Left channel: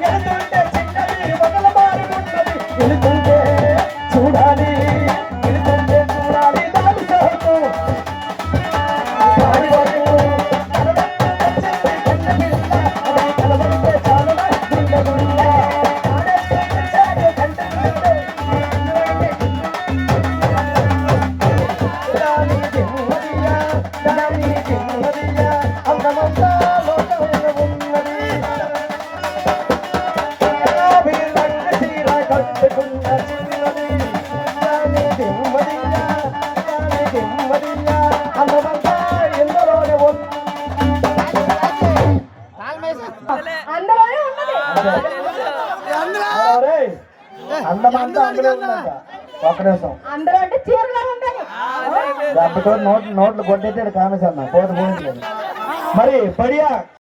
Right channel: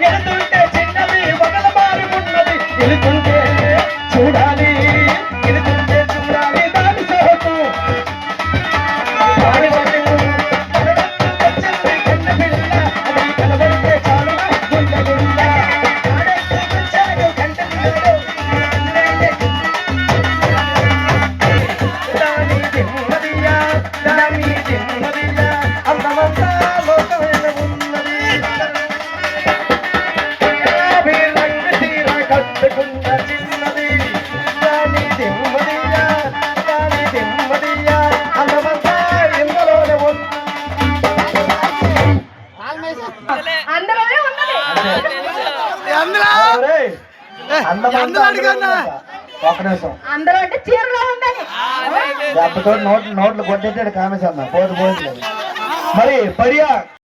ఎలుతుంటే చిన్నది వగల మారి ఉన్నది ఎలుతుంటే చూడాలి ఎలుతుంటే చూడాలి దాని సహకు దాని వరకు వచ్చింది కన్న పిల్ల అది కలబడితే చాలు గుండ గుండ వచ్చాడు కంట పిల్లడు దాని తిమ్మదియా దాని తిమ్మదియా అందమంతా లోకమైన ఉన్నది రంగు తీర కట్టుకున్న చిన్నది దాని తిమ్మదియా అందమంతా ఇందులోనే ఉంది అందులోనే ఉన్నది. ఒక నిమిషం అందులో అంటే చీరలో ఉందని దెబ్బతో నోట్లు కొట్టేసాడు కామేశమ్మ పోతు పోయింది మరి పడియా